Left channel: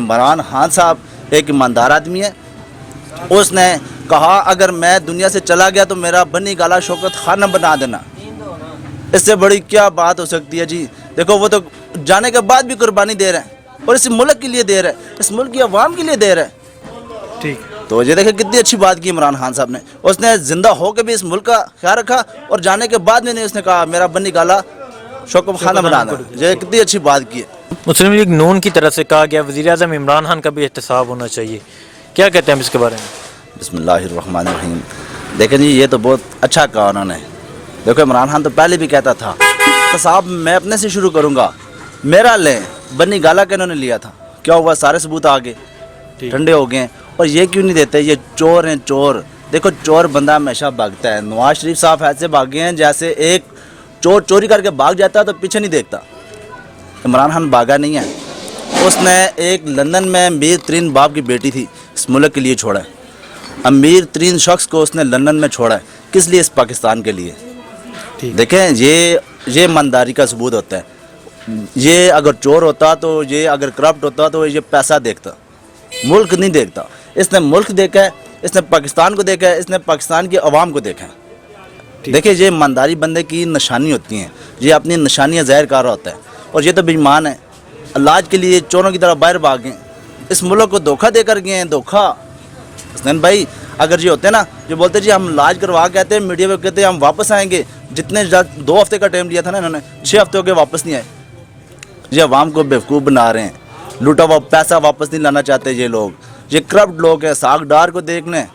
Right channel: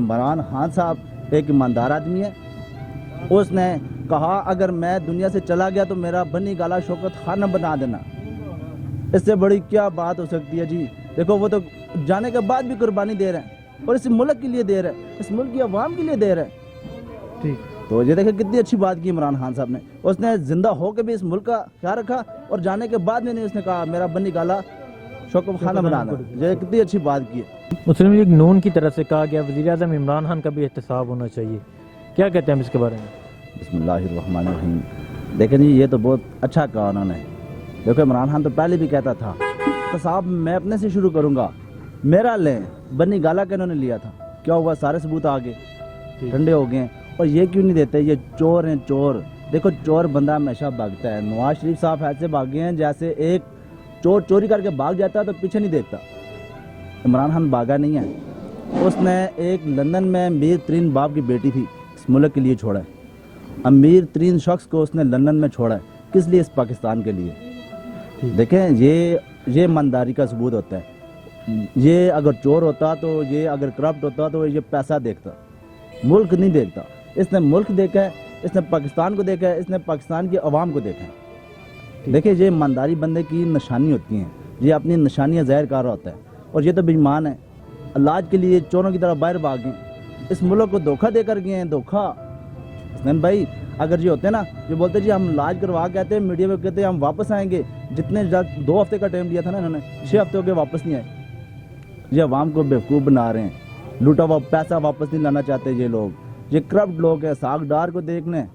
इमरान खान साहब एक ईमानदार आदमी है। उसने कहा अगर मैं दुनिया से चला गया तो मेरा बनी गाला शौकत खाना बना देना। इससे बड़ी क्या बात हो सकती है जी। देखो वो तो जाने के बाद भी कुर्बानी दे रहे हैं और इस मुल्क के लिए दे रहे हैं, इस मुल्क की आवाम के लिए दे रहे हैं। ठीक। तो ये देखे कितनी अच्छी बात की इमरान खान साहब ने। उसने जिंदा होकर भी इस मुल्क का ख्याल रखा और जाने के बाद में उसने कहा मेरा बनी गाला शौकत खाना बना देना। ये कितनी अच्छी बात की है। मुस्लिम लीग नून की तरफ से कहा गया वज़ीर-ए-आज़म इमरान खान का भी एहतसाब होना चाहिए, क्या कहते हैं इसके बारे में? बिस्मिल्लाहिर्रहमानिर्रहीम। देखें जी ये तो बहुत अच्छा कहा उन्होंने। देखो इमरान खान तो पहले भी कहता था तो साहब मैं अपने से शुरू करूँगा, मेरा लें। बनी गाला के इन्होंने लिया था, क्या हुआ? सारे सबूत आ गए, ठंडे हो गए। और ये क्यों नहीं देते? ये चोर हैं चोर। देखो चोर बंदा हमेशा भागता है। नवाज शरीफ साहब ऐसे भागे हैं जैसे एक चोर चोरी करके भाग जाता है तो पीछे नहीं देखता। इमरान खान भागा नहीं है। उसने एक लंदन में अमीर तरीन बाप की बेटी थी, इस मुल्क के लिए छोड़ा है। अमीर तरीन शख्स को उसने लंदन में छोड़ा है, किस लिए? इस पाकिस्तान के लिए। देखें ये ईमानदारी का सबूत होता है। ये अगर चोर होता तो ये अगर करप्ट होता तो ये पैसा देखता, मुल्क नहीं देखता। इसने मुल्क देखा है, इसने पाकिस्तान को देखा है, इसने पाकिस्तान की आवाम को देखा है। देखिए ये ईमानदारी बंदे की निशानी होती हैं, ये अपनी निशानियाँ ज़ाहिर कर रहा होता है। और ये तो बेईमान है, इलाज के लिए चोरों की तरह बाहर भाग गए, इस मुल्क को धोखा देकर गए हैं। धोखा हसनैन भाई, अगर ये होते ना, जो बोलते जी हम इलाज करवा के आते हैं, मीडिया में कहते हैं हम वापस आएंगे। जितने 2 हफ्ते का टाइम लिया था ना इन्होंने, 6 हफ्ते हो गए वापस नहीं आए। ये अवाम को बेवकूफ़ बना रहे हैं, लूटा हुआ पैसा वापस नहीं लाना चाहते ये लोग। ये करप्ट लोग हैं। सागडार को देखने,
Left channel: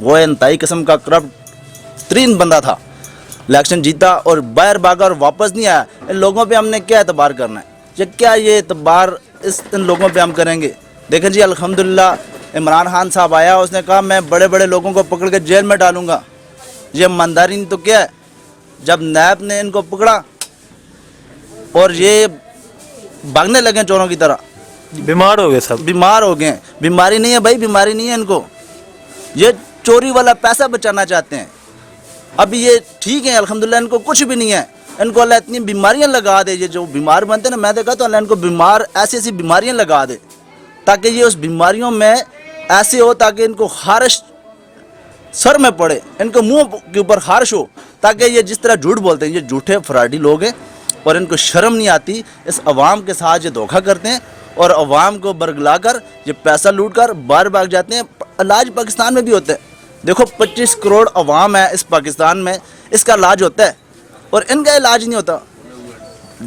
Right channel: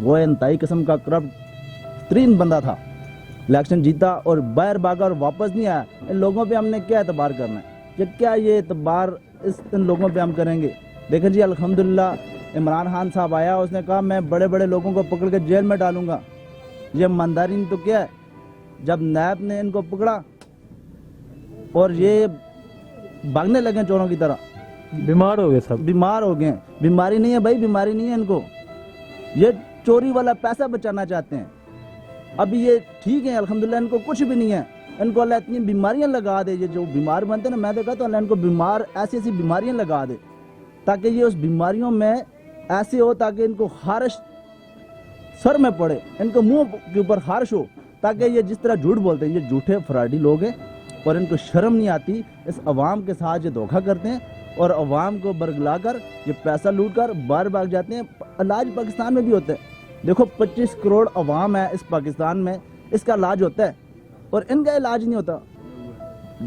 वो इंतहाई किस्म का करप्ट तरीन बंदा था, इलेक्शन जीता और बाहर भागा और वापस नहीं आया। इन लोगों पे हमने क्या एतबार करना है? ये क्या ये एतबार इन लोगों पे हम करेंगे? देखें जी अल्हम्दुलिल्लाह इमरान खान साहब आया, उसने कहा मैं बड़े बड़े लोगों को पकड़ के जेल में डालूंगा। ये ईमानदारी नहीं तो क्या है? जब नैब ने इनको पकड़ा और ये भागने लगे चोरों की तरह, बीमार हो गए सब, बीमार हो गए। बीमारी नहीं है भाई, बीमारी नहीं है इनको। ये चोरी वाला पैसा बचाना चाहते हैं। अभी ये ठीक है अल्हम्दुलिल्लाह, इनको कुछ भी नहीं है। इनको अल्लाह इतनी बीमारियां लगा दे, ये जो बीमार बनते हैं ना, मैं देखा तो अल्लाह इनको बीमार ऐसी ऐसी बीमारियां लगा दे ताकि ये उस बीमारियों में ऐसे हो ताकि इनको खारिश सर में पड़े, इनको मुंह के ऊपर खारिश हो, ताकि ये जिस तरह झूठ बोलते हैं, ये झूठे फराडी लोग हैं और इनको शर्म नहीं आती। इस अवाम के साथ ये धोखा करते हैं और अवाम को बरगला कर ये पैसा लूट कर बाहर भाग जाते हैं। इलाज पाकिस्तान में भी होता है। देखो 25 करोड़ अवाम है इस पाकिस्तान में, इसका इलाज होता है और इनका इलाज नहीं होता।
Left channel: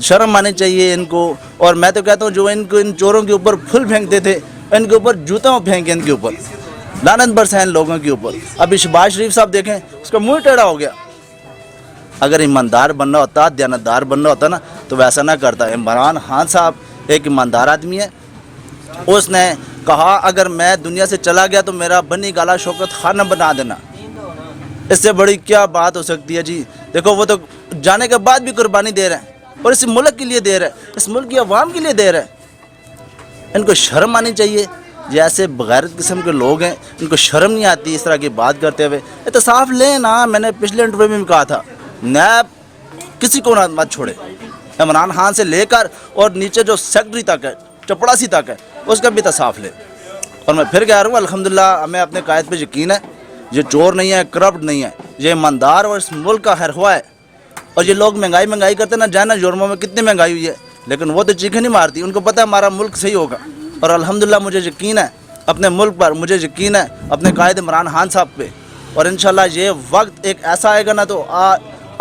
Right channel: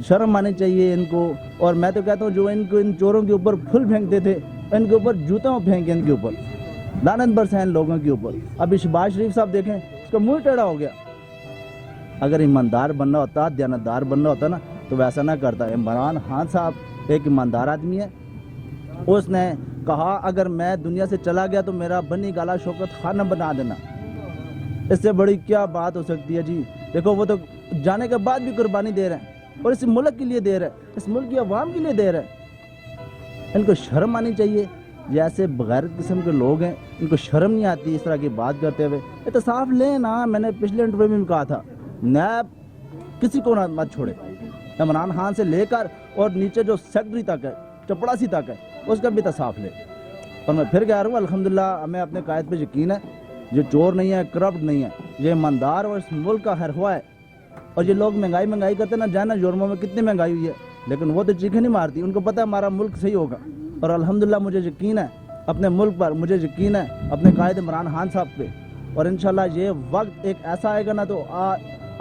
शर्म आनी चाहिए इनको। और मैं तो कहता हूँ जो इनको इन चोरों के ऊपर फूल फेंकते थे, इनके ऊपर जूतों फेंके, इनके ऊपर लानत बरसाएं लोगों के ऊपर। अभी शहबाज शरीफ साहब देखें, उसका मुंह टेढ़ा हो गया। अगर ईमानदार बनना होता, दयानतदार बनना होता ना, तो वैसा ना करता। इमरान खान साहब एक ईमानदार आदमी है। उसने कहा अगर मैं दुनिया से चला गया तो मेरा बनी गाला शौकत खाना बना देना। इससे बड़ी क्या बात हो सकती है जी। देखो वो तो जाने के बाद भी कुर्बानी दे रहे हैं और इस मुल्क के लिए दे रहे हैं, इस मुल्क की आवाम के लिए दे रहे हैं। इनको शर्म आनी चाहिए। जैसे बगैरत किस्म के लोग हैं, इनको शर्म नहीं आती इस तरह की बात करते हुए। ये तो साफ लें ना, मैंने पिछले इंटरव्यू में भी कहा था, नैब किसी को ना मत छोड़े, इमरान खान से लेकर और नीचे जो सेक्रेटरी तक है, चपड़ासी तक है, उसका भी तो साफ ले। और मैं फिर कह रहा हूँ अल्हम्दुलिल्लाह हमें अपने कायद पे यकीन है। ये चोर नहीं है, करप्ट नहीं है, ये ईमानदार और इस मुल्क का खैरख्वाह है। और ये लोग महंगाई करते ना, जाना यूरोप में कितनी महंगाई हुई है, लेकिन वो तो चीखें नहीं मारती। उनको पता है हमारा मुल्क सही होगा। और अल्हम्दुलिल्लाह मुझे यकीन है अपने मुल्क पर, मुझे यकीन है अपने कायद इमरान खान साहब पे। और इंशाल्लाह ये वक्त एक ऐसा आएगा ना, तो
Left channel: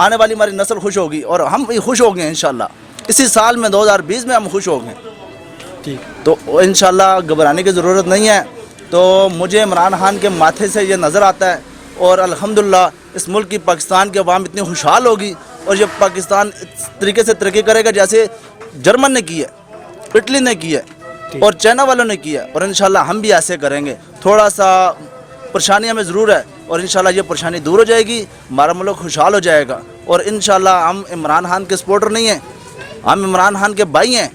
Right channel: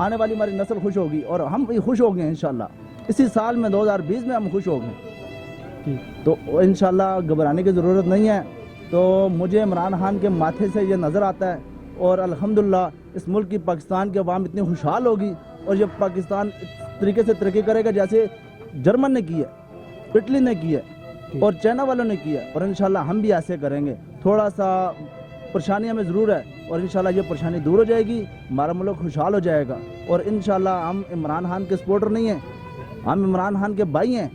आने वाली हमारी नस्ल खुश होगी और हम भी खुश हो गए इंशाल्लाह। इसी साल में 2020 में हम खुश हो गए। ठीक, तो इंशाल्लाह घबराने की ज़रूरत नहीं है। तो मुझे इमरान खान के माथे से ये नज़र आता है और अल्हम्दुलिल्लाह इस मुल्क की, पाकिस्तान की आवाम इतनी खुशहाल होगी और ये पाकिस्तान इस तरीके से तरक्की करेगा जैसे जर्मन ने की है, इटली ने की है और चाइना वालों ने की है। और इंशाल्लाह हम भी ऐसे करेंगे। थोड़ा सा परेशानी हमें ज़रूर है और इंशाल्लाह ये परेशानी दूर हो जाएगी, हमारा मुल्क खुशहाल हो जाएगा। और इंशाल्लाह हम इमरान खान के सपोर्टर नहीं हैं, हम इमरान खान के भाई हैं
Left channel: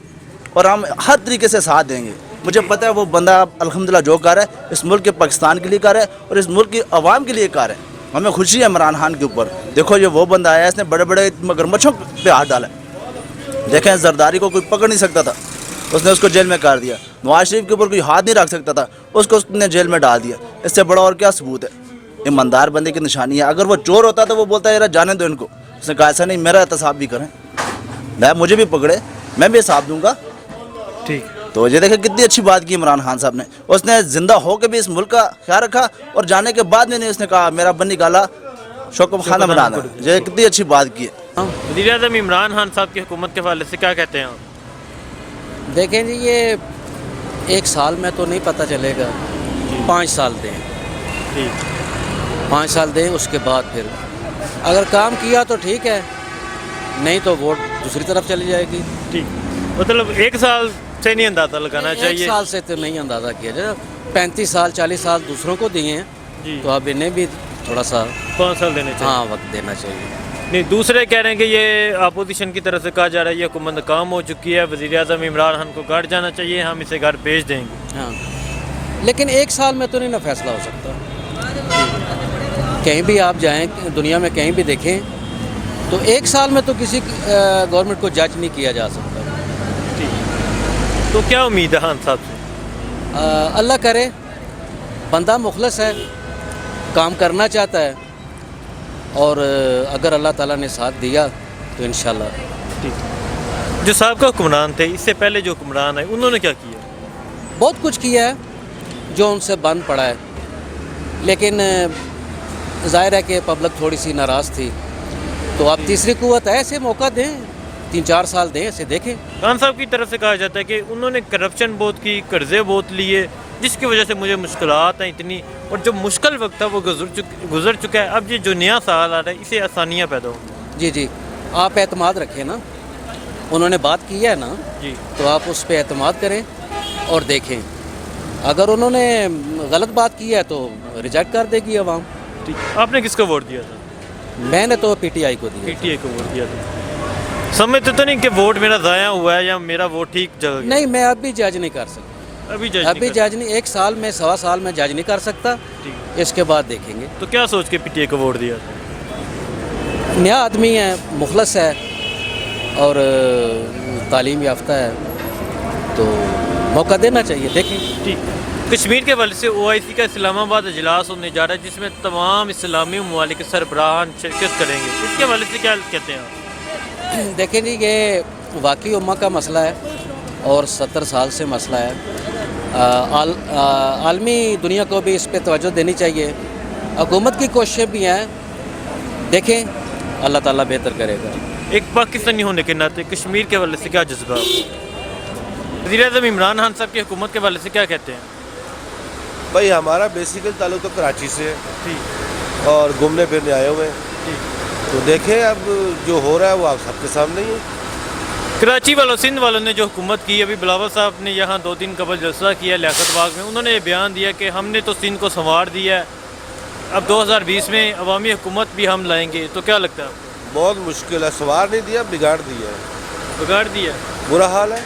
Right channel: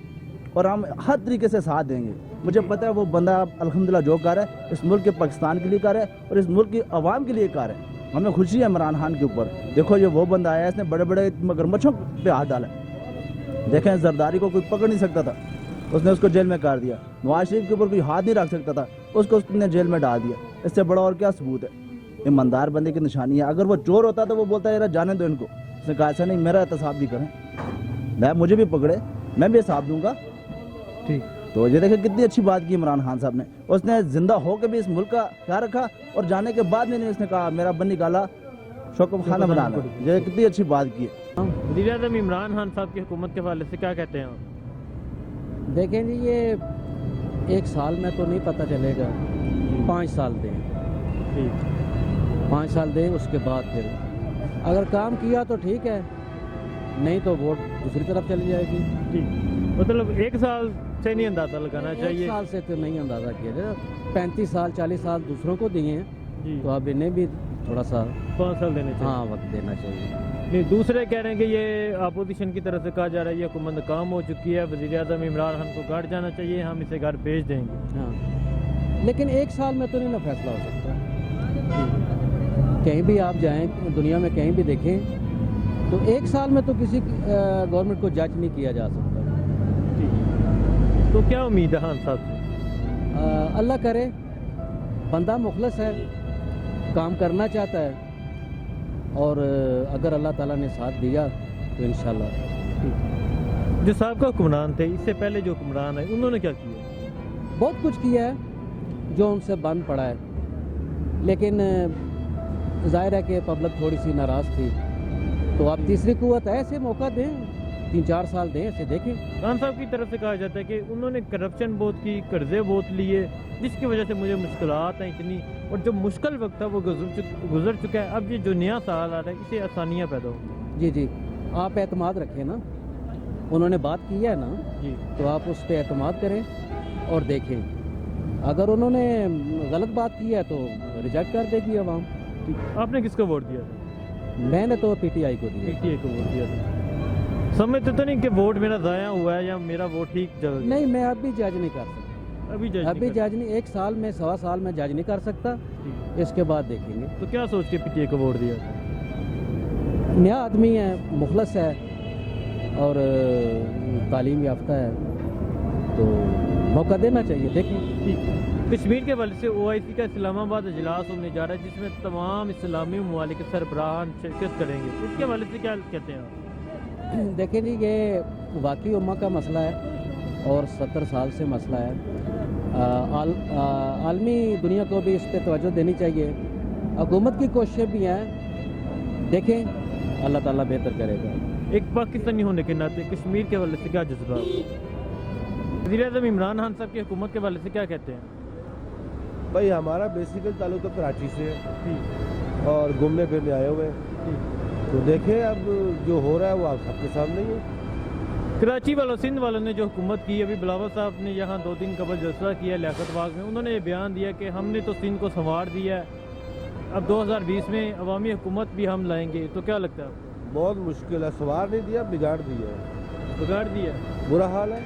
और हम हर तरीके से साथ देंगे। मुझे पता है वो बंदा अल्हम्दुलिल्लाह जो कर है इस मुल्क के, पाकिस्तान के लिए कर है और इस मुल्क की आवाम के लिए कर है। हमें खुशी है इमरान खान के ऊपर। देखो ये वो बंदा आया, इसने बड़े बड़े मगरमच्छों पे हाथ डाला। देखें जरदारी को कोई पकड़ नहीं सकता था, اس نے اس کو جیل میں کر دیا. نواز شریف کے اوپر کوئی ہاتھ نہیں رکھ سکتا تھا, اس کو اس نے جیل میں ڈال دیا. اس سے بڑا اور کیا ثبوت ہے؟ ایماندار بندے کی نشانی ہے. اگر وہ چور ہوتا تو وہ بولتا ہے یار جانے دو ان کو. اس نے کہا ایسا نہیں, میرا احتساب بھی کریں, میں مجھے بھی پکڑے, میں بھی حساب دوں گا. ٹھیک. تو یہ دیکھیں کتنی اچھی بات کی عمران خان صاحب نے. اس نے زندہ ہو کے بھی اس ملک کا خیال رکھا, اور جانے کے بعد میں نے اس نے کہا میرا بنی گالا شوکت خانہ بنانا. یہ کتنی اچھی بات کی ہے. وزیر اعظم عمران خان صاحب کی حکومت کے حوالے سے کیا کہتے ہیں آپ؟ دیکھیں جی, یہ 1 سال میں تو نہیں پتہ چلے گا, 5 سال دیں, ٹھیک. 5 سال دیں, اس کے بعد پھر اگر کام کیا تو ٹھیک ہے, نہیں تو ووٹ دوسری طرف چلی جائے گی. ٹھیک, مطلب 1 سال سے نہیں اندازہ لگانا 1 چاہیے. سال سے تو نہیں اندازہ کیا جائے. 35 سال 40 سال دوسروں کو دیے ہیں, جی, تو اب انہیں بھی تھوڑا سا 5 سال دینے چاہیے. ہاں وقت دینا چاہیے. نہیں, دوسرے کہہ رہے ہیں کہ یہ اپوزیشن کی طرف سے کہا جا رہا ہے یہ حکومت ناکام ہو چکی ہے, وزیر اعظم عمران خان کو گھر جانا چاہیے, ہم اسے گھر بھیج دیں گے. ہاں, لیکن 1 سال میں تو نہیں نا فیصلہ ہو سکتا. کہیں بھی آپ جائیں دنیا میں, کہیں بھی دیکھیں تو 1 سال میں تو کسی گورنمنٹ کو جج نہیں کیا جا سکتا. تو کیا امید ہے خان صاحب سے؟ اللہ کرے, بندہ مخلص ہے, کام کرنا چاہتا ہے, اور اگر اللہ تعالیٰ نے ساتھ دیا تو انشاءاللہ. جو سابقہ حکمران تھے, اس سے پہلے جو حکمران ہیں, انہوں نے کیا کیا؟ بہت کچھ کیا ہے جو ان سے بند پڑا ہے, لیکن ظاہر ہے کہ پبلک تھوڑی سی ناراض تھی, تو اب تیسری قوت ہے, ایسے موقع دیں, 3-4 سال دیں, ایسے دیکھیں. خان صاحب کی طرف سے کہا جاتا ہے کہ انہوں نے کرپشن بہت کی, قرضے بہت لیے, جس کی وجہ سے مجھے مشکلات ہیں اتنی, اور جو مشکل وقت تھا وہ گزر چکا ہے, اب یہ جو نیا سال آ رہا ہے اسے آسانیاں پیدا ہوں. جی جی, آپ اعتماد رکھیں نا, انہوں نے بات کی ہے نا, جی, تو آپ اس پہ اعتماد کریں اور دیکھیں. اگر انہوں نے غلط بات کی ہے تو ریجیکٹ کر دے گی عوام. ٹھیک. آپ نے کس کو ووٹ دیا تھا؟ میں نے تو پی ٹی آئی کو دیا. پی ٹی آئی کو ووٹ دیا تھا. سمجھتے تو نہیں کہ ووٹ میرا ضائع ہوا ہے یا میرا ووٹ ٹھیک جگہ گیا؟ نہیں, میں اب بھی جج نہیں کر سکتا. ابھی جج نہیں, 1 سال میں 1.25 سال میں جج نہیں کر سکتا. اس کے بعد دیکھیں گے. تو کیا سوچ کے پی ٹی آئی کو ووٹ دیا تھا؟ نیا آدمی ہے, مخلص ہے, اور تعلیم یافتہ ہے, تو موقع دینا چاہیے, دیکھیں. ٹھیک. کشمیر کے حوالے سے او آئی سی کا اسلام آباد اجلاس ہونے جا رہا ہے, جس میں تمام اسلامی ممالک کے سربراہان شرکت کریں گے. اس کے حوالے سے کیا کہتے ہیں آپ؟ دیکھیں جی, یہ واقعی امہ کا مسئلہ ہے, اور 70 سال سے مسئلہ ہے. عالمی دنیا کو بھی اس پہ توجہ دینی چاہیے. حکومت کی کوششیں بھی ہیں, دیکھیں اللہ تعالیٰ بہتر کرے گا. ایک پاکستانی ہونے کے ناطے کشمیر کے حوالے سے کیا جذبہ؟ وزیر اعظم عمران خان صاحب کی حکومت کے حوالے سے کیا کہتے ہیں؟ بھائی ہمارا بیسیکل تعلق تو کراچی سے ہے, اور گھومنے پھرنے آئے ہوئے ہیں, تو دیکھیں اب جو ہو رہا ہے وہ آپ سب کے سامنے ہی ہے. کراچی والوں, سندھ والوں نے جو حکومت کی, ابھی بلاول صاحب نے یہاں 2 دن قبل جلسہ کیا لیاقت باغ میں, انہوں نے یہ بیان دیا کہ ہم نے تو سندھ کو سنوار دیا ہے, اب 2020 میں عوامی حکومت بھی ہم لائیں گے. تو کیا لگتا ہے آپ کو؟ بہت مشکل ہے, سنوار نہیں دیا, بگاڑ دیا ہے, بگاڑ دیا, برا حال ہے.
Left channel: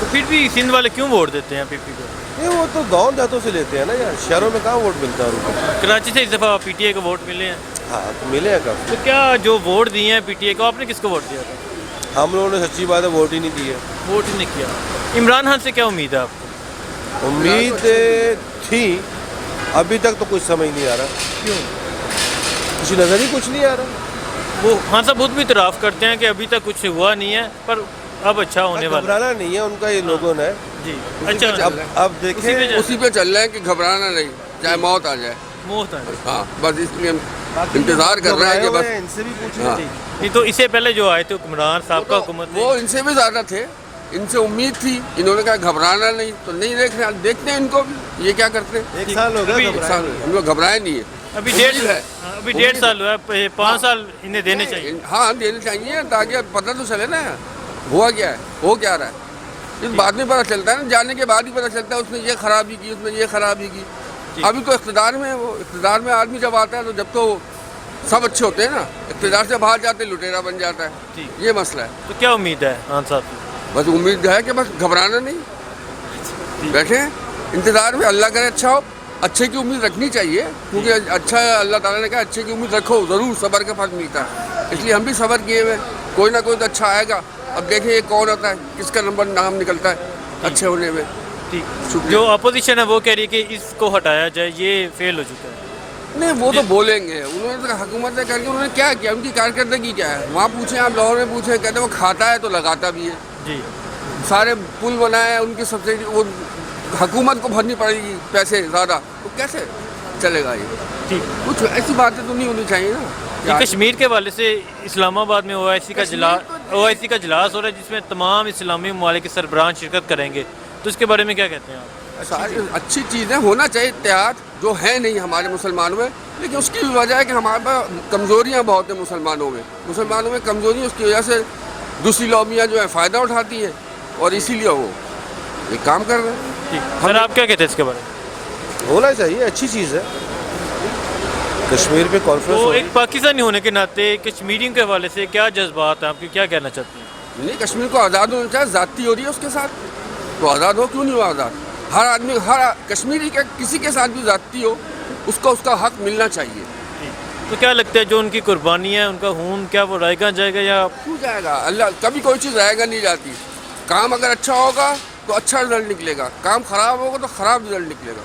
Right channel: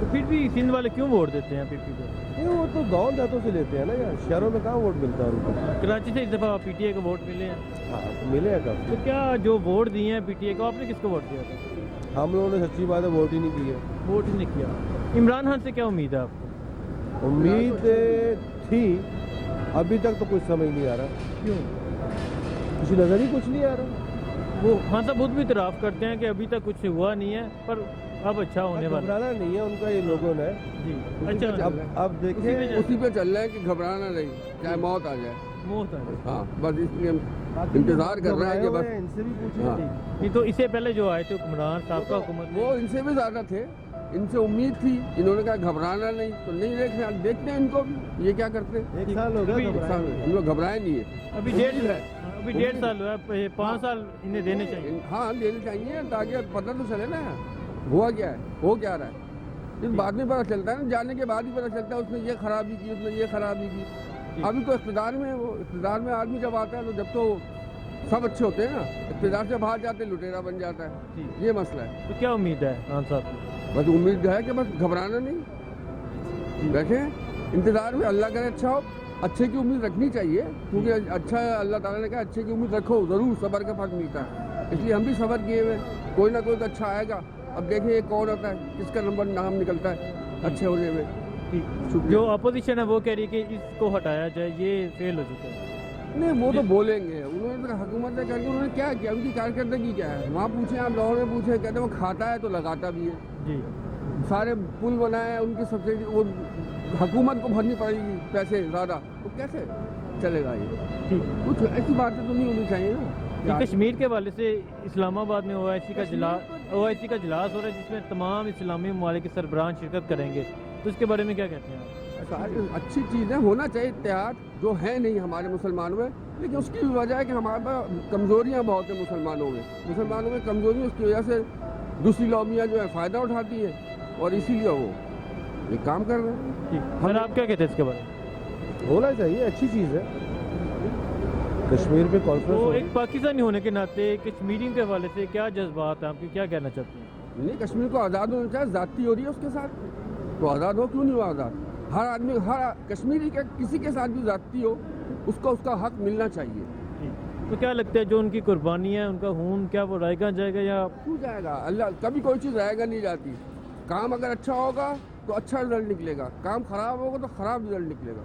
تو پھر بھی سندھ والے کیوں ووٹ دیتے ہیں پی پی کو؟ یہ وہ تو گاؤں دیہاتوں سے لیتے ہیں نا یار, شہروں میں کہاں ووٹ ملتا ہے ان کو. کراچی سے اس دفعہ پی ٹی آئی کو ووٹ ملے ہیں. ہاں تو ملے ہیں کب. تو کیا جو ووٹ دیے ہیں پی ٹی آئی کو, آپ نے کس کو ووٹ دیا تھا؟ ہم لوگوں نے سچی بات ہے ووٹ ہی نہیں دیے. ووٹ ہی نہیں کیا. عمران خان سے کیا امید ہے آپ کو؟ امید تھی, ابھی تک تو کچھ سمجھ نہیں آ رہا. کیوں؟ کچھ نظر ہی کچھ نہیں آ رہا. وہ خان صاحب خود بھی اعتراف کرتے ہیں کہ ابھی تک کچھ ہوا نہیں ہے, پر اب اچھا ہونے والا. گھبرانا نہیں ہے ان کا, یہ لوگوں نے. جی, اچھا. اب دیکھیں اسی پہ چل رہے ہیں کہ گھبرانا نہیں, چاہے موت آ جائے. موت ہے. ہاں, بس اس لیے ہم انتظار کر رہے ہیں کہ بس. ان سے بھی پوچھیں. نہیں تو اس سے پہلے جو آئے تھے حکمران صاحب کا حکومت, وہ ان سے بھی زیادہ تھے, ان سے امید تھی, انہوں نے کہا گھبرانا نہیں, تو نہیں دیکھتے ہیں ان کو بھی یہ کیا کرتے ہیں. 1 سال ہو گیا ہم لوگ گھبرائے نہیں ہے. ابھی 1.5 سال ہوا ہے, 5 سال انہیں دینے چاہیے. ہاں دینے چاہیے, تاکہ پتہ تو چلے نا ہوا کیا ہے, ہو کیا رہا ہے. اس بعد میں پتہ چلتا ہے نا, جانے کے بعد ہی پتہ چلتا ہے اس نے یہ خرابی کی, اس نے یہ خرابی کی. ابھی تو اقتدار میں, وہ اقتدار میں آدمی جب آتا ہے تو جب تو سب اچھے ہوتے ہیں نا, اقتدار سے باہر جاتے لٹیرا بن جاتا ہے. یہ مسئلہ ہے. تو کیا امید ہے خان صاحب کی؟ بس امید ہے کہ بس گھبرانا نہیں, بیٹھے انتظار میں, اللہ کرے اچھا ہو. اچھے کی امید رکھنی چاہیے, کیونکہ اچھا اللہ تعالیٰ نے کہا اچھے کی امید رکھو, ضرور صبر کا پھل ملتا ہے. اس لیے ہم بھی صبر کیے ہوئے, کوئی نہ کوئی تو اچھا آئے گا. अब देखें ये कौन होता है, किसका नंबर नाम निकलता है अच्छे होने में। ठीक, जो अपोजिशन है वो कह रही है कि इसको हटाया जाए, ये फेल हो चुका है। नहीं वो तो बोलेंगे, उन्होंने तो हुकूमत करके उन्होंने क्या किया, उनकी कारकर्दगी क्या है। वहाँ पूछें आप, लाहौर में पूछें, कहते हैं वो खाता है तो लगाता भी है। जी, सारे पुल बनाए हैं, उनकी सब्सिडी वो हुकूमत को भरनी पड़ेगी पैसे ज़्यादा, तो कैसे चलेगा ये। ठीक, कुछ ऐसी बातें तो नहीं होनी चाहिए ना। ये कश्मीर के हवाले से इस्लामाबाद में OIC का इजलास हो रहा है जिसमें तमाम इस्लामी ममालिक के सरबराह शिरकत करेंगे, तो इसके बारे में क्या कहते हैं आप? सारी अच्छी चीज़ें होना चाहिए, इत्तेहाद जो है नहीं हमारे मुसलमानों में, लेकिन उसकी भी वजह है कि हमारे पास कमज़ोरियाँ बहुत हैं मुसलमानों में कमज़ोरी, उसकी वजह से दूसरी लॉबियाँ जो है फ़ायदा उठाती हैं और इसीलिए वो ये काम कर रहे हैं। ठीक, सर आप क्या कहते हैं इसके बारे में? होना चाहिए, अच्छी चीज़ है। कश्मीर पे कॉन्फ्रेंस तो एक पाकिस्तानी होने के नाते कश्मीरियों के हवाले से क्या जज्बात हैं आपके, क्या कहना चाहते हैं? नहीं, कश्मीर को आज़ाद होना चाहिए, ज़्यादती हो रही है उसके साथ, तो आज़ाद हो, क्यों नहीं हो आज़ाद। हर आदमी, हर कश्मीरी के किसी के साथ भी ज़्यादती हो, उसको उसका हक मिलना चाहिए। तो क्या लगता है जो उनकी कुर्बानी है, उनका खून, क्या वो रायगा जाएगा या क्यों जाएगा? अल्लाह कभी कोई चीज़ रहेगा नहीं जाती। काम अगर अच्छा होगा तो अच्छा रिजल्ट निकलेगा, काम ख़राब होगा तो ख़राब रिजल्ट निकलेगा।